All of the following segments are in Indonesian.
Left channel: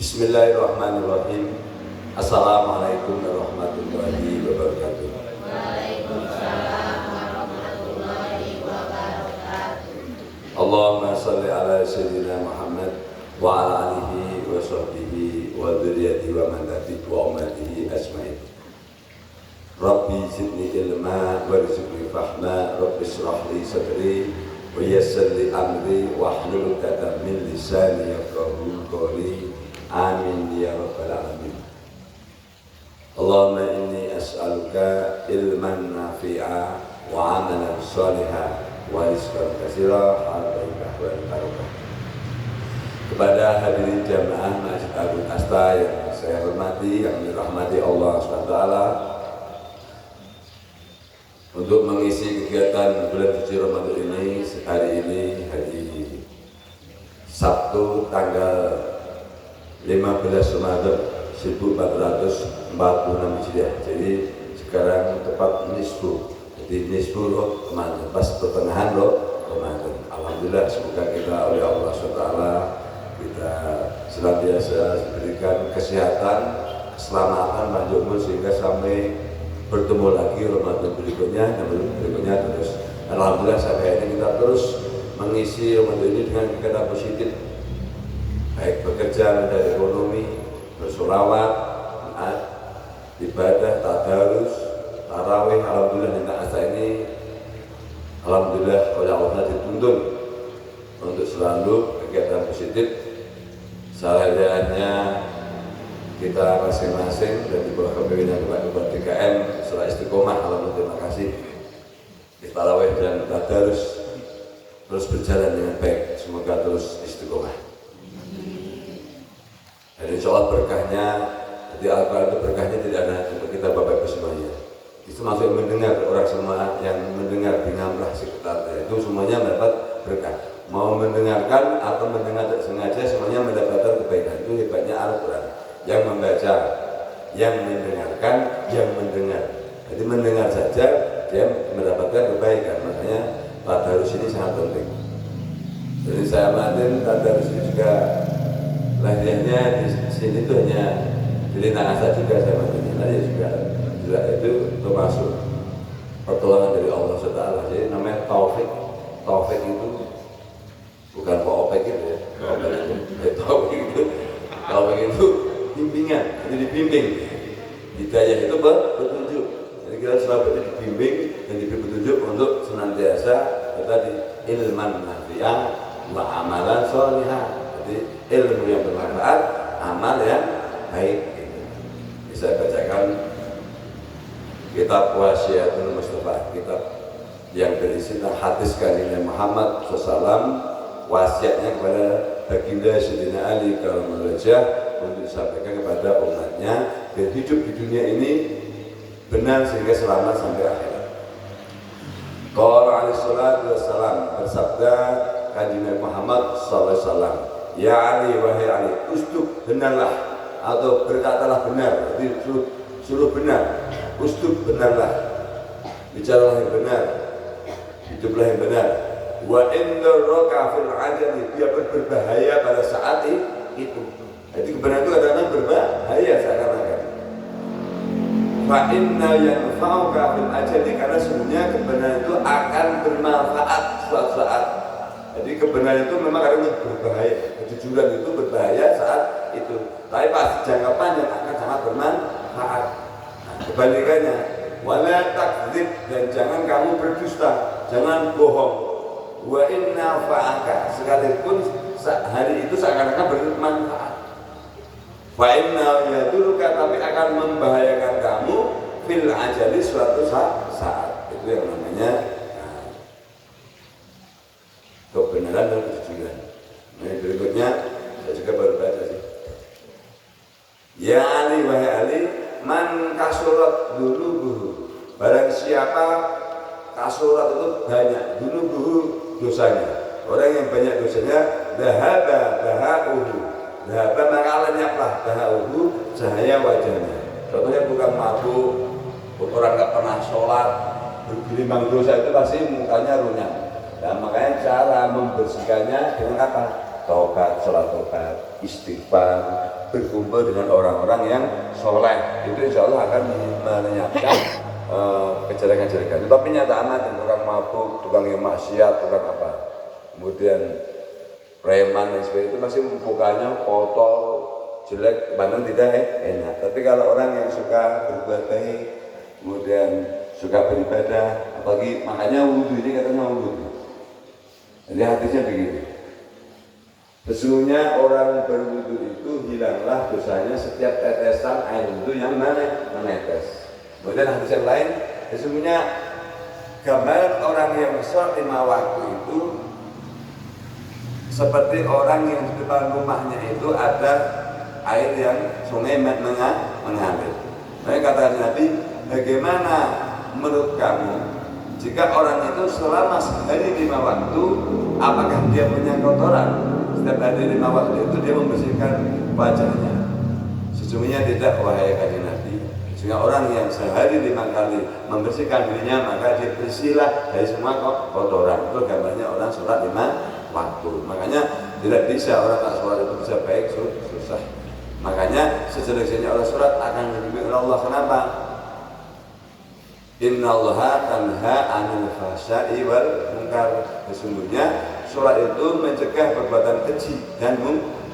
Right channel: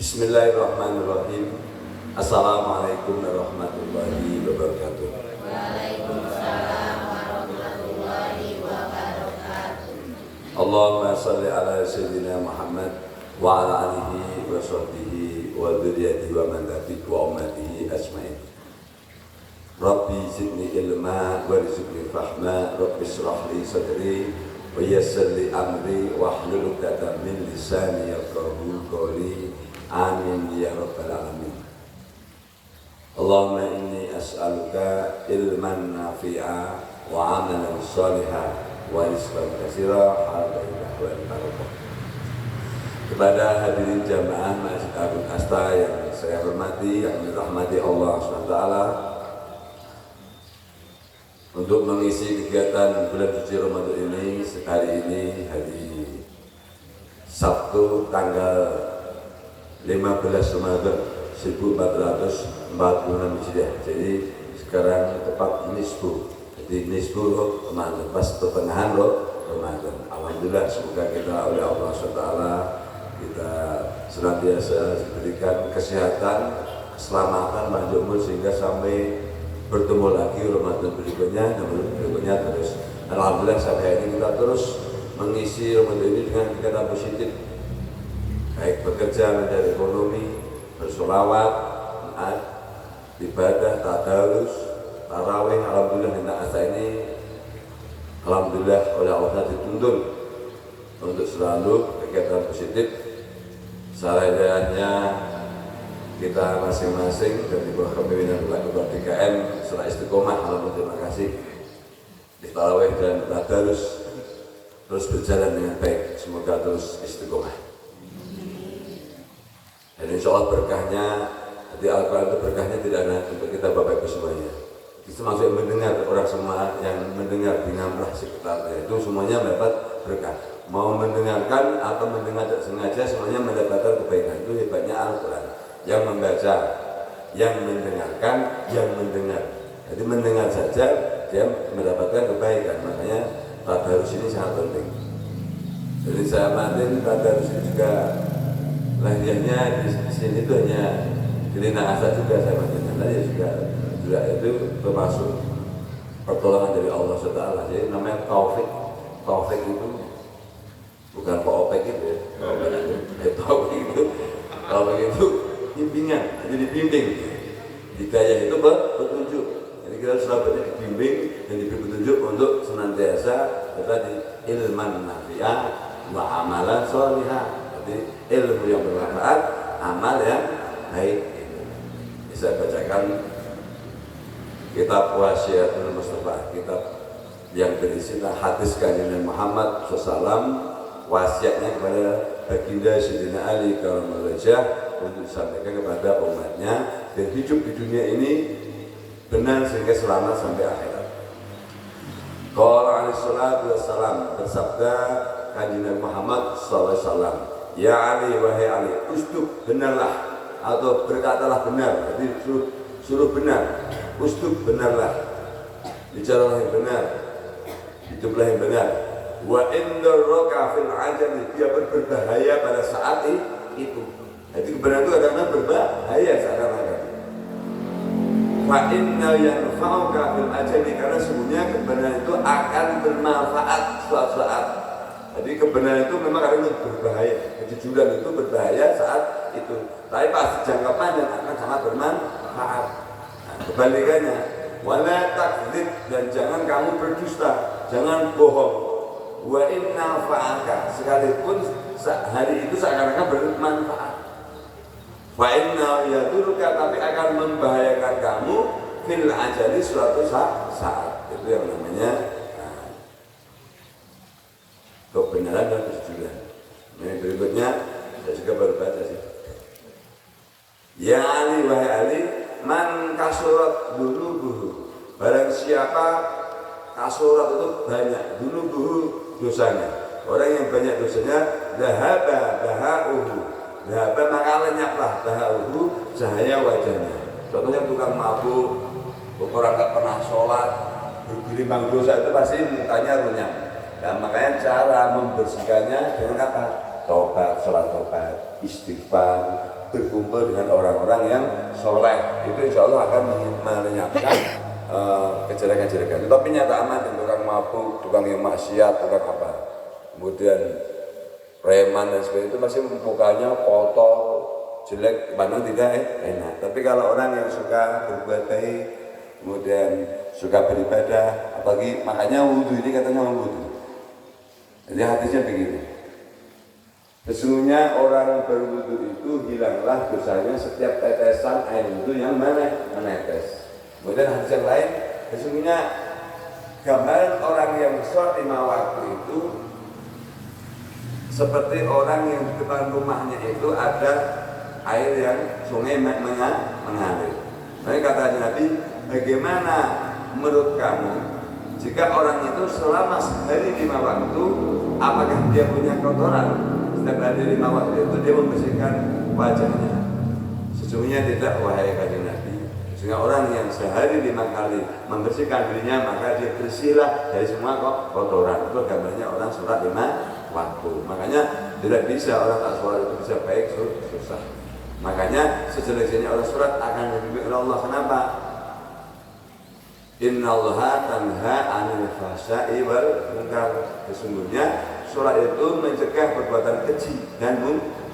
Bismillahirrahmanirrahim. Assalamualaikum warahmatullahi wabarakatuh. Waalaikumsalam warahmatullahi wabarakatuh. Allahumma salli ala sayyidina Muhammad wa ala alihi wa sahbihi wa dzurriyyatihi wa man tabi'ahum wa ummatihi ajmain. Rabbi zidni ilma warzuqni fahma, Rabbi shrah li sadri wa yassir li amri wahlul 'uqdatam min lisani yafqahu qawli. Amin ya rabbal alamin. Allahumma inni as'aluka ilman nafi'a wa amalan shalihan wa rizqan katsira alaihi wa barakatuh. Kepada hadirin jamaah Masjid Abdul Asta yang saya hormati, yang dirahmati Allah SWT, untuk mengisi kegiatan bulan suci Ramadan ini, hari ini hari Sabtu tanggal 15 Ramadan 1446 Hijriah. Jadi sekarang tepat nisfu. Jadi nisfu Ramadan, pas pertengahan Ramadan. Alhamdulillah, semoga kita oleh Allah SWT kita senantiasa diberikan kesehatan, keselamatan, panjang umur sehingga sampai bertemu lagi Ramadan berikutnya terus. Alhamdulillah sampai ini kita terus mengisi Ramadan ini dengan kegiatan positif, baik bekerja mencari ekonomi, bersolawat, ibadah, tadarus, tarawih. Alhamdulillah minta asa ini, alhamdulillah oleh Allah dituntun untuk selalu kegiatan positif. Sarahannya kita masing-masing dan di bawah kepemimpinan Ketua DKM setelah istiqomah. Alhamdulillah, terima kasih. Di tarawih dan tadarus terus berjalan dengan baik, semoga terus istiqomah. Dan insya Allah berkahnya di Al-Quran itu berkahnya tidak ada untuk kita Bapak Ibu semuanya. Itu maksud mendengar, orang semua yang mendengar binamlah sekitarnya itu semuanya mendapat berkah. Mau mendengarkan atau mendengar tidak sengaja semuanya mendapatkan kebaikan. Itu hebatnya Al-Quran. Yang membaca, yang mendengarkan, yang mendengar. Jadi mendengar saja dia mendapatkan kebaikan. Makanya tadarus ini sangat penting. Jadi saya amatin tadarus ini juga lahirnya di sini itu hanya di Lintang Asa juga saya amatin. Tadi juga itu termasuk pertolongan dari Allah SWT. Jadi namanya taufik. Taufik itu bukan Pak Opek gitu ya. Taufik itu bimbingan, jadi dibimbing. Hidayah itu petunjuk. Jadi kita selalu dibimbing dan diberi petunjuk untuk senantiasa tadi ilman nafi'ah wa amalan sholihah. Jadi ilmu yang bermanfaat, amal yang baik. Bisa bacakan kitab Wasiatul Mustafa, kitab yang berisi hadis kanjeng Muhammad SAW, wasiatnya kepada baginda Sayyidina Ali karramallahu wajhah untuk disampaikan kepada umatnya dan hidup di dunia ini benar sehingga selamat sampai akhirat. Qala alaihi salatu wassalam, bersabda kanjeng Muhammad sallallahu alaihi wasallam, ya Ali, wahai Ali, usduk, benarlah atau berkatalah benar. Jadi suruh benar, usduk, benarlah, bicaralah yang benar, hiduplah yang benar. Wa inna roka fil ajali, dia berbahaya pada saat itu. Jadi kebenaran itu kadang-kadang berbahaya seakan-akan. Fa inna yanfa'uka fil ajali, karena sebenarnya kebenaran itu akan bermanfaat suatu saat. Jadi kebenaran itu memang kadang berbahaya, kejujuran itu berbahaya saat itu. Tapi pas jangka panjang akan sangat bermanfaat. Nah, kebalikannya, wala takdzib, dan jangan kamu berdusta, jangan bohong. Wa inna fa'aka, sekalipun hari itu seakan-akan bermanfaat. Fa inna yaduruka, tapi akan membahayakan kamu fil ajali suatu saat. Itu yang namanya kebenaran dan kejujuran. Nah, berikutnya saya juga baru baca sih. Ya Ali, wahai Ali, man kasurat dunubuhu, barang siapa kasurat itu banyak, dunubuhu dosanya, orang yang banyak dosanya, dahauhu, maka lenyaplah dahauhu cahaya wajahnya. Contohnya tukang mabuk, orang nggak pernah sholat, bergelimang dosa itu pasti mukanya runyam. Nah, makanya cara membersihkannya dengan apa? Tobat, sholat tobat, istighfar, berkumpul dengan orang-orang yang soleh, itu insya Allah akan menyatukan kejelekan-kejelekan. Tapi nyatanya tukang mabuk, tukang yang maksiat, tukang apa, kemudian preman dan sebagainya itu masih mukanya kotor, jelek, memang tidak enak. Tapi kalau orang yang suka berbuat baik, kemudian suka beribadah, apalagi makanya wudhu ini katanya wudhu. Jadi hadisnya begini. Sesungguhnya orang berwudhu itu hilanglah dosanya setiap tetesan air wudhu yang menetes. Kemudian hadis yang lain, sesungguhnya gambaran orang yang sholat 5 waktu itu seperti orang yang di depan rumahnya itu ada air yang sungai mengalir. Maka kata Nabi, bagaimana menurut kamu jika orang itu selama sehari 5 waktu, apakah dia punya kotoran? Setiap hari 5 waktu itu dia membersihkan wajahnya. Sesungguhnya tidak, wahai kanjeng Nabi. Sehingga orang yang sehari 5 kali membersihkan dirinya, maka dia bersihlah dari semua kotoran. Itu gambarnya orang sholat 5 waktu. Makanya tidak bisa orang tak sholat itu bisa baik, susah. Makanya sejelek-jeleknya orang sholat akan dibimbing oleh Allah. Kenapa? Innallaha tanha 'anil fahsya'i wal munkar. Sesungguhnya sholat itu mencegah perbuatan keji dan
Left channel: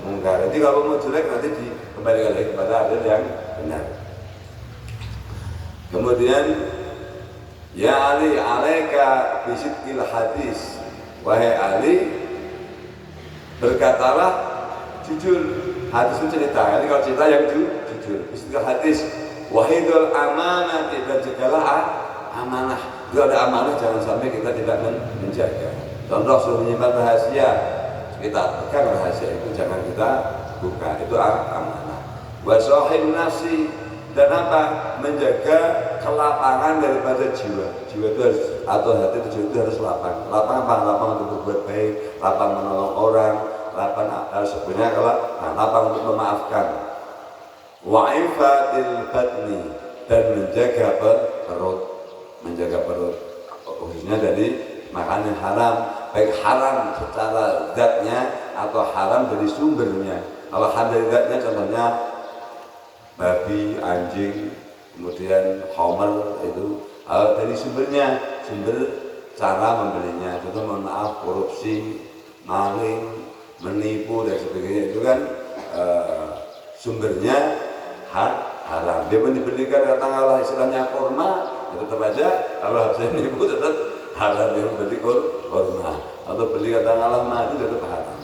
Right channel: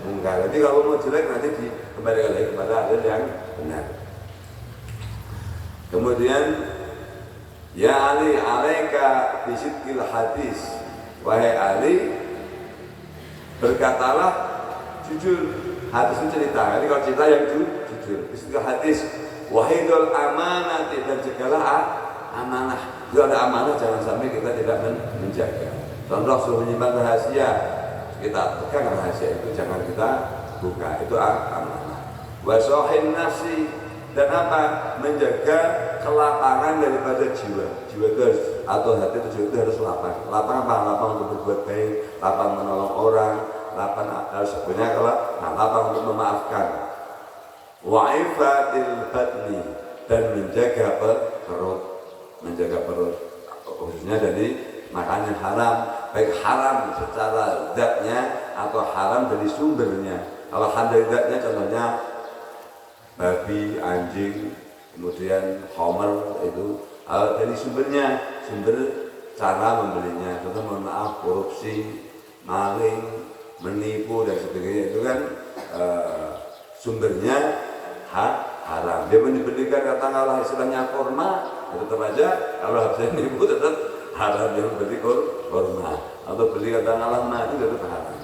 mungkar. Jadi kalau mau jelek nanti dikembalikan lagi kepada adil yang benar. Kemudian ya Ali alaika bisidqil hadis, wahai Ali berkatalah jujur. Hadis itu cerita, ini kalau cerita yang jujur. Bisidqil hadis, wahai dul amanati, dan jagalah amanah. Kalau ada amanah jangan sampai kita tidak menjaga. Contoh suruh menyimpan rahasia, kita pegang rahasia itu jangan kita buka, itu amanah. Wa sahib nafsi, dan apa? Menjaga kelapangan daripada jiwa. Jiwa itu harus, atau hati itu harus lapang. Lapang apa? Lapang untuk berbuat baik, lapang menolong orang, lapang harus sebenarnya lapang untuk memaafkan. Wa ifatil batni, dan menjaga perut, khususnya dari makanan haram, baik haram secara zatnya atau haram dari sumbernya. Kalau haram dari zatnya contohnya babi, anjing, kemudian homer, itu dari sumbernya, sumber cara membelinya. Contoh mohon maaf, korupsi, maling, menipu dan sebagainya, itu kan sumbernya haram. Dia diberikan katakanlah istilahnya korma, itu tetap aja kalau hasilnya menipu tetap haram. Dia memberi korma atau beli katakanlah madu tetap haram.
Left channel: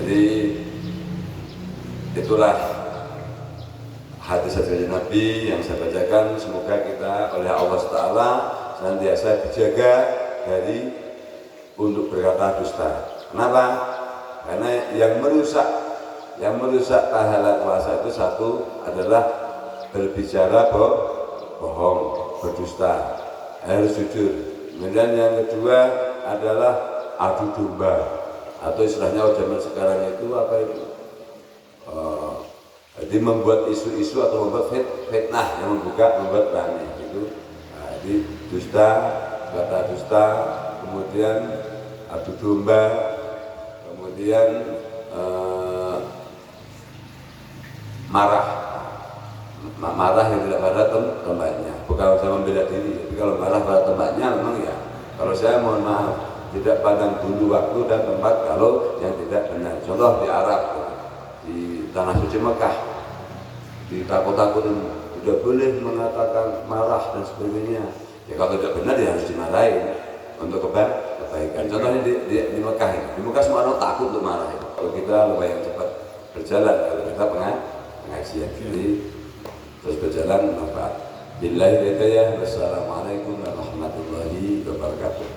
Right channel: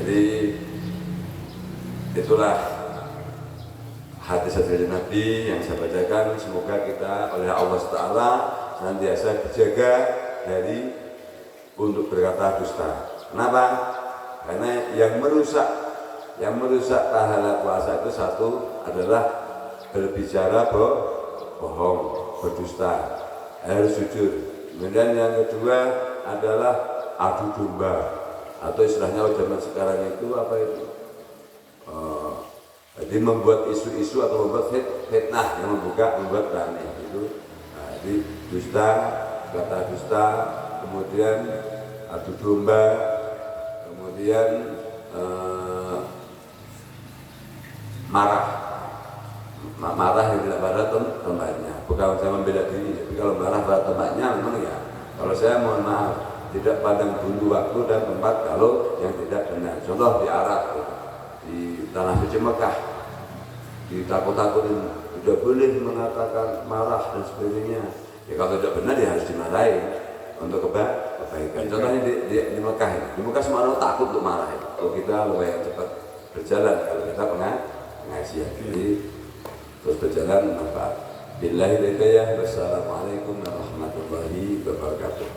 Jadi itulah hadis-hadis Nabi yang saya bacakan. Semoga kita oleh Allah Ta'ala senantiasa dijaga dari untuk berkata dusta. Kenapa? Karena yang merusak pahala puasa itu satu adalah berbicara bohong, berdusta, harus jujur. Kemudian yang kedua adalah adu domba, atau istilahnya zaman sekarang itu apa itu? Jadi membuat isu-isu atau membuat fitnah yang membuat rame itu. Jadi dusta, kata dusta, kemudian adu domba, kemudian marah yang tidak pada tempatnya. Bukan saya membela diri, tapi kalau marah pada tempatnya memang ya. Kalau saya mohon maaf, tidak pandang dulu waktu dan tempat kalau yang tidak benar. Contoh di Arab, di tanah suci Mekah, ditakut-takutin tidak boleh mengatakan marah dan sebagainya. Ya kalau tidak benar ya harus dimarahin untuk kebaikan. Contohnya di Mekah, di Mekah semua orang takut untuk marah. Kalau kita lebih yang cepat berjalan, kalau kita pengajian, jadi terus berjalan maka billahi hidayah. Wassalamualaikum warahmatullahi wabarakatuh.